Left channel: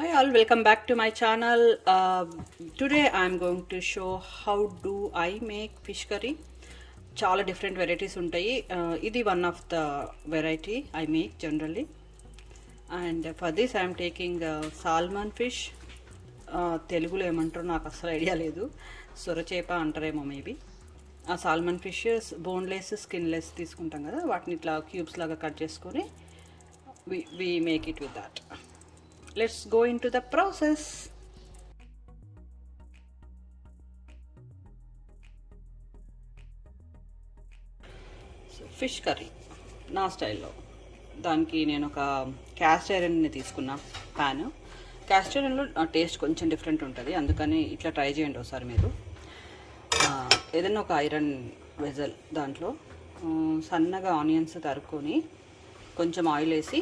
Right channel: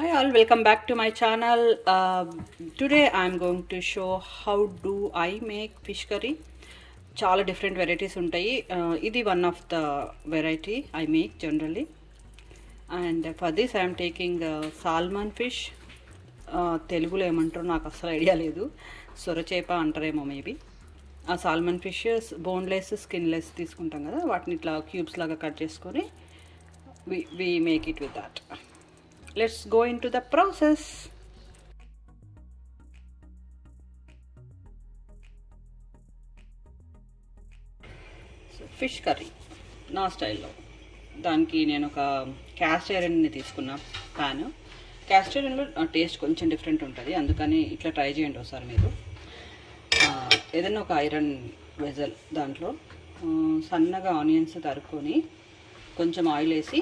Hi all, welcome back to my channel. Today I am going to show how do I make fish curry. చాలా different varieties ఉంటాయి. ఇది one of the variety I make generally. And for this I'm taking salmon fish. తెలుగులో ఏమంటారో నాకు అసలు idea లేదు. సొరచేప అంటారేమో maybe. ఆ సాల్మన్ ఫిష్ బోన్లెస్ స్కిన్లెస్ తీసుకుంటాం కదా, వాటిని ఇట్లా క్యూబ్స్ లాగా కట్ చేసుకొని we make it with that. Let's go into the process. So fish curry నా స్టైల్లో, దానికి నేను ఒక క్యాస్ట్ ఐరన్ని తీసుకున్న ప్యాన్. క్యాస్ట్ ఐరన్లో టేస్ట్ కొంచెం డిఫరెంట్ ఉంటుంది, అందుకని ఇట్లా ట్రై చేయండి ఒకసారి మీరు. ఏదైనా ఒక ఐరన్ వెజల్, దాంట్లో సన్నగా ఆనియన్స్ తరుక్కొని కొంచెం ఆయిల్ వేసి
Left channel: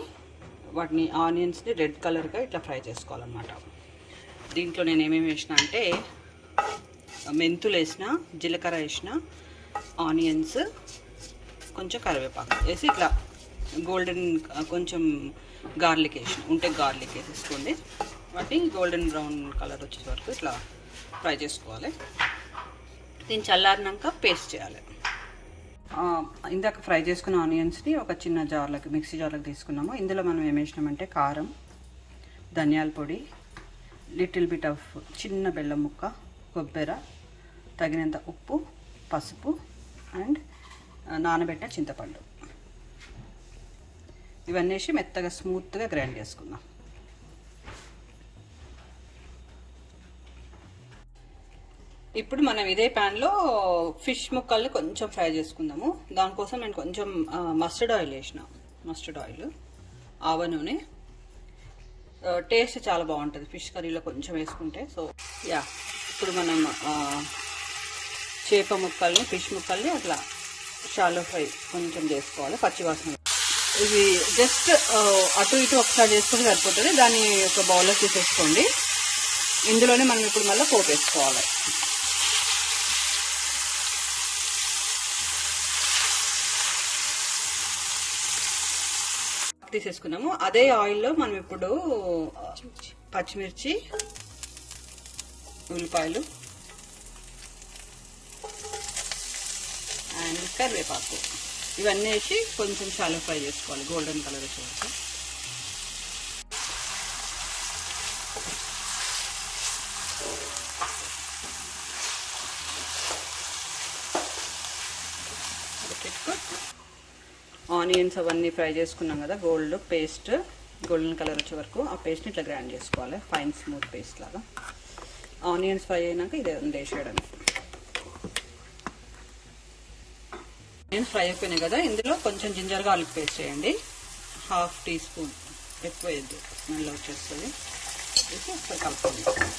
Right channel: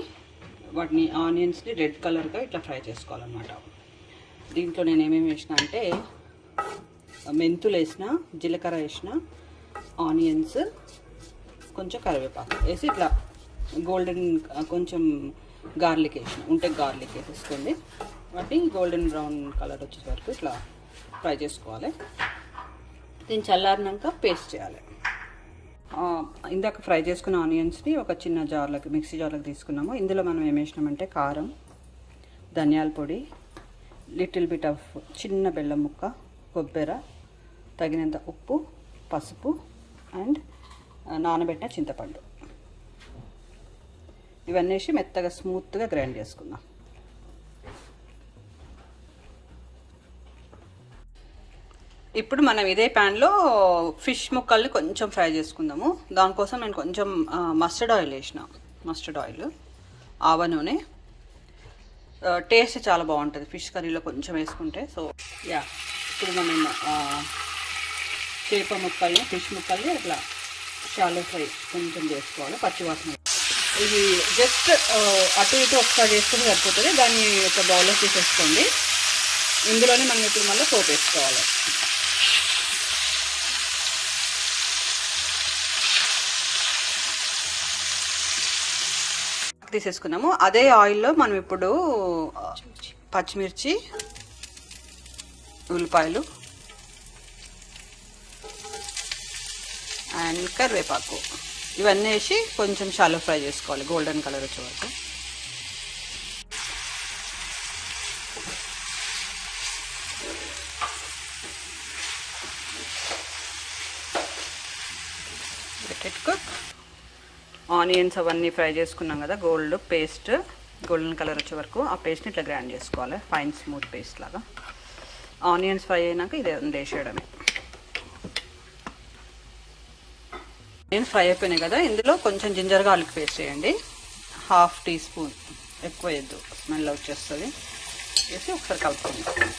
వాటిని ఆనియన్స్ని రెడ్ కలర్గా ఇట్లా ఫ్రై చేసుకోవాలన్నమాట. దీంట్లో నేను ఏమేమి వేసిన అంటే మెంతులు వేసిన, జీలకర్ర వేసిన, ఆనియన్స్, కొంచెం కరివేపాకు వేసి ఇట్లా గోల్డెన్, కొంచెం గార్లిక్ వేసిన, ఉంటే గార్లిక్ వేసేసుకోండి. వాటిని గోల్డెన్ బ్రౌన్ కలర్ వచ్చే వరకు ఇట్లా ఫ్రై చేసుకోవాలి. దీన్ని చల్లారినాక పేస్ట్ చేయాలి. ఇందాక ఫ్రై చేసుకున్న ఆనియన్స్ని ఒక చిన్న జార్లోకి, మిక్సీ జార్లోకి తీసుకున్నాము. ఇందులో మనం ఏం వేసినామంటే కారం, ధనియాల పొడి, లిటిల్ బిట్ ఆఫ్ చిన్న బెల్లం ముక్క, కొబ్బెర, తగినంత ఉప్పు, పసుపు అండ్ నానబెట్టిన చింతపండు, ఇవన్నీ వేసి మెత్తగా స్మూత్గా గ్రైండ్ చేసుకుందాం. ఇప్పుడు మనం ఇదే ప్యాన్లో ఫిష్ ముక్కల్ని కొంచెం ఫ్రై చేసుకుందాము. దానికోసం నేను కొంచెం మస్టర్డ్ ఆయిల్ వేసిన, మస్టర్డ్ ఆయిల్, ఆవ నూనె. టేస్ట్ చాలా బాగుంటుంది ఫిష్ కర్రీలో కొంచెం వేసుకుంటే. సో యా, ఇప్పుడు మనం చేప ముక్కల్ని, ఫిష్ ముక్కల్ని అట్లా షాలో ఫ్రై కొంచెం చేసుకోవాలి, పచ్చివాసన. ఇది జస్ట్ అటు ఇటు ఒకసారి చేసుకుంటే సరిపోతుంది. దాన్ని ఒక బౌల్లో తీసేసుకోండి. ఇందులోనే మనం ఇప్పుడు మళ్ళీ పోపు వేసుకోవాలి. తీసేసుకున్నాము. అదే ఆయిల్లో మనం ఇప్పుడు పచ్చిమిర్చి, ఉల్లిపాయలు అండ్ కరివేపాకు ఇవన్నీ వేసి కొంచెం షాలో ఫ్రై చేసుకోవాలి, గోల్డెన్ కలర్ వచ్చే వరకు. ఆనియన్స్ అవన్నీ ఫ్రై చేసుకున్నాం కదా, గోల్డెన్ కలర్ వచ్చే వరకు ఆ పేస్ట్ని ఇట్లా గ్రైండ్ చేసుకోవాలి, ఫైన్ స్మూత్ పేస్ట్ లాగా. ఆనియన్స్ ఫ్రై అయినాక ఇది వేసేయడమే. నేను ఫ్రై అయిపోయినాయి కదా, ఇందులో కొంచెం జింజర్ గార్లిక్ పేస్ట్ వేయండి, 1/2 టీ స్పూన్, ఎక్కువ వేయద్దు, స్మెల్ వచ్చేస్తుంది. వేసి ఒకసారి కలుపుకుందాం.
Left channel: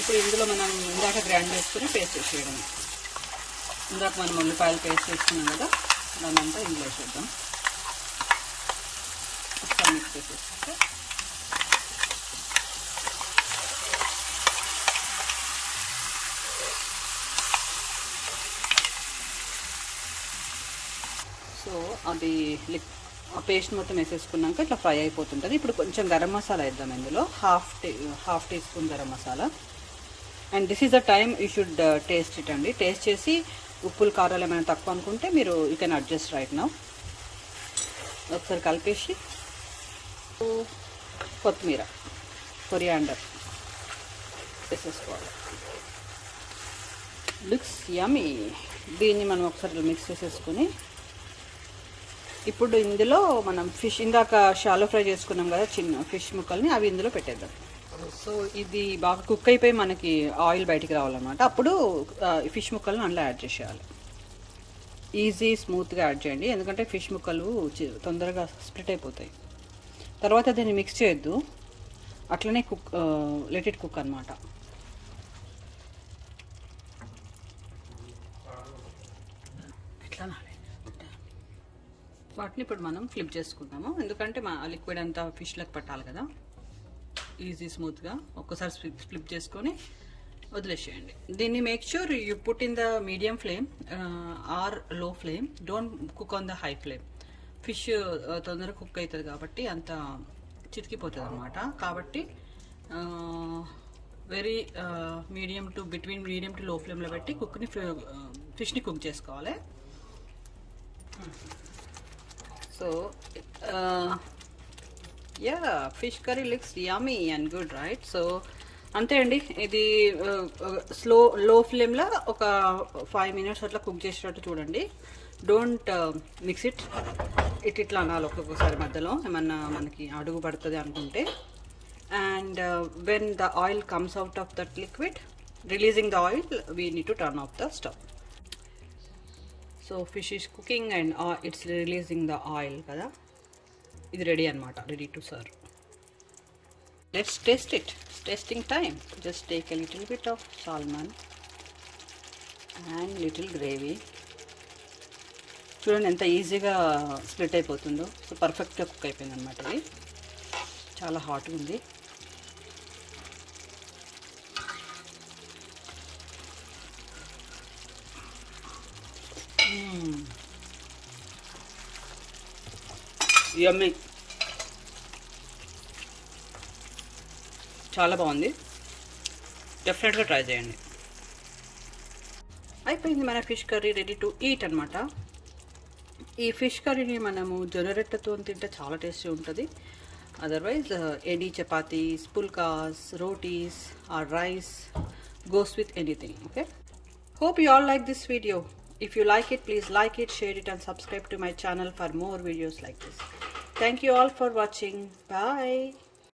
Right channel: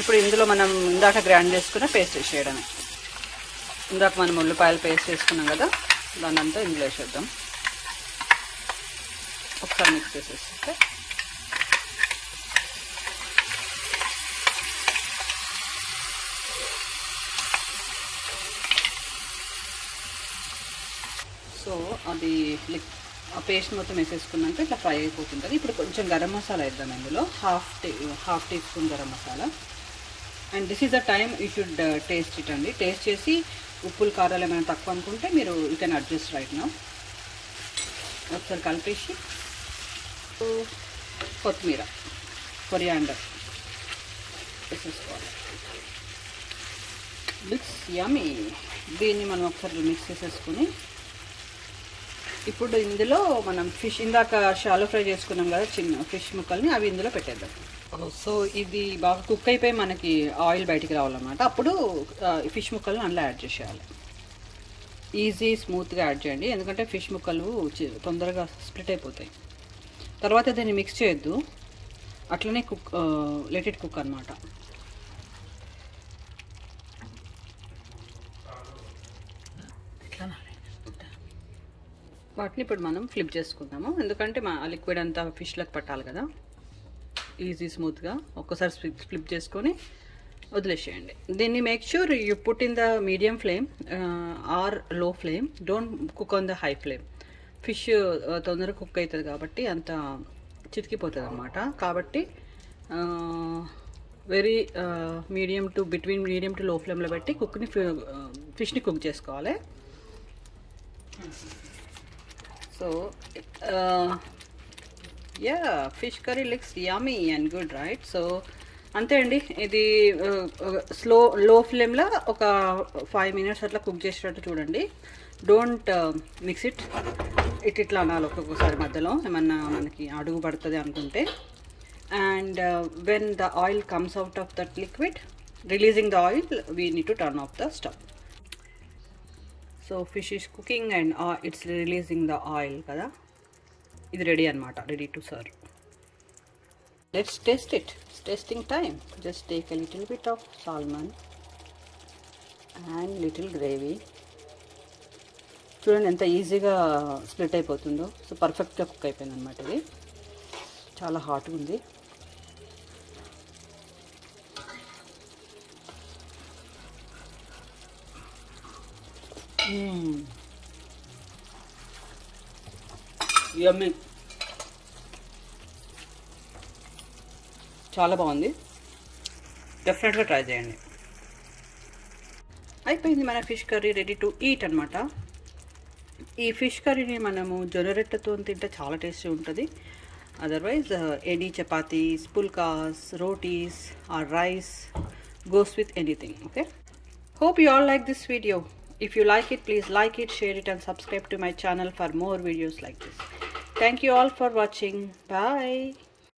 ఇప్పుడు ఇందులో మనం ఇందాక గ్రైండ్ చేసుకున్న పేస్ట్ వేసేయడమే. ఇందాక మనం ఉల్లిపాయలు పేస్ట్ చేసుకున్నాం కదా, దాన్ని అంతా ఇందులో వేసేద్దాం. ఒకసారి మిక్స్ చేసేస్తే సో అది ఆ పేస్ట్ మొత్తం వేసేసుకున్నాక ఇట్లా ఫ్రై అయిపోతుంది. ఇప్పుడు కొంచెం గరం మసాలా వేద్దాం ఇందులో, half teaspoon garam masala. And this is the time you should taste it అండి. టేస్ట్ చేసి ఉప్పులు కారాలు ఏమైనా తక్కువ అనుకుంటే మీరు you can adjust right now. ఒకసారి కలిపేసి కొత్తిమీర, కొరియాండర్ వేసేసుకోవాలి. Looks yummy. దీన్ని మనం ఒకసారి మిక్స్ చేసేసుకుని ఇప్పుడు ఇందులో మనం ఫిష్ ఇందాక షాలో ఫ్రై చేసుకున్నాం కదా, చిన్న ఫిష్ ముక్కల్ని అవి ఇందులో పెట్టేద్దాం. సో ఇది బాగా కుక్ అయిపోయి మనకి ఆయిల్ బయటికి రావాలన్నమాట. అప్పుడు ఫిష్ ముక్కలను అందులో యాడ్ చేసేయాలి. ఈజీ స్మూత్గా యాడ్ చేయండి, ఎందుకంటే ఫిష్ ముక్కలు తొందరగా స్ప్లిట్ అయిపోతాయి. తర్వాత దీన్ని మిక్స్ చేయొద్దు, అట్లనే లెట్ ఇట్ కుక్ అనమాట. వాటిని ఇప్పుడు మనం ఫ్లిప్ చేసుకుందాము, ఎందుకంటే మా లిక్విడ్ అంతా ఫిష్లకు పట్టాలి కదా. ఈజీ స్మూత్గా ఒక్కసారి ఫ్లిప్ చేసుకొని వదిలేసేయండి. దీన్ని make sure you put in the medium flame or low flame, don't cook on the high flame. Fish తొందరగా కుక్ అవుతుంది కాబట్టి అంత చితికిపోతుంది అన్నమాట. కాబట్టి వెరీ మీడియం టు లో ఫ్లేమ్లో పెట్టి ఫిష్ని కుక్ చేసుకోవాలి. So yeah, fish curry looks yummy and good, right? So అంతే అండి. ఇది లో ఫ్లేమ్లో ఒక 5 minutes అట్లా కుక్ చేసేటట్టు చూడండి. డోంట్ మిక్స్ ఇట్లా అనాలి ఒక్కొక్కసారి మధ్యలో ఏమన్నా మనకి అడుగు పడుతుంది అనుకుంటే. And when the oil comes out of that liquid, releasing the oil, we need to turn off the stove. So fish is cooking and it's releasing the oil కదా. ఇది రెడీ అనమాట, ready to serve. Let's taste it. Tasting time. Just take a little bit of salmon and little gravy. చూడండి ఎంత ఈజీగా split అయిపోతుందో. So పర్ఫెక్ట్గా cook అయిపోయింది అనమాట. ఇది చాలా హాట్గా ఉంది. యమ్మీ, చాలా బాగుంది. డెఫినెట్గా ట్రై చేయండి. అయిపోయింది మన fish curry, ready to eat అనమాట. ఈ ఫిష్ కర్రీని మనము జొన్నరొట్టెతో తింటే చాలా టేస్టీ ఉంటుంది. Otherwise any chapatis, pulkas, rotis or rice goes with anything. Okay, hope you all like this video. If you like it, please like it, share it and subscribe to my channel for more videos like this. Thank you all for watching. Bye.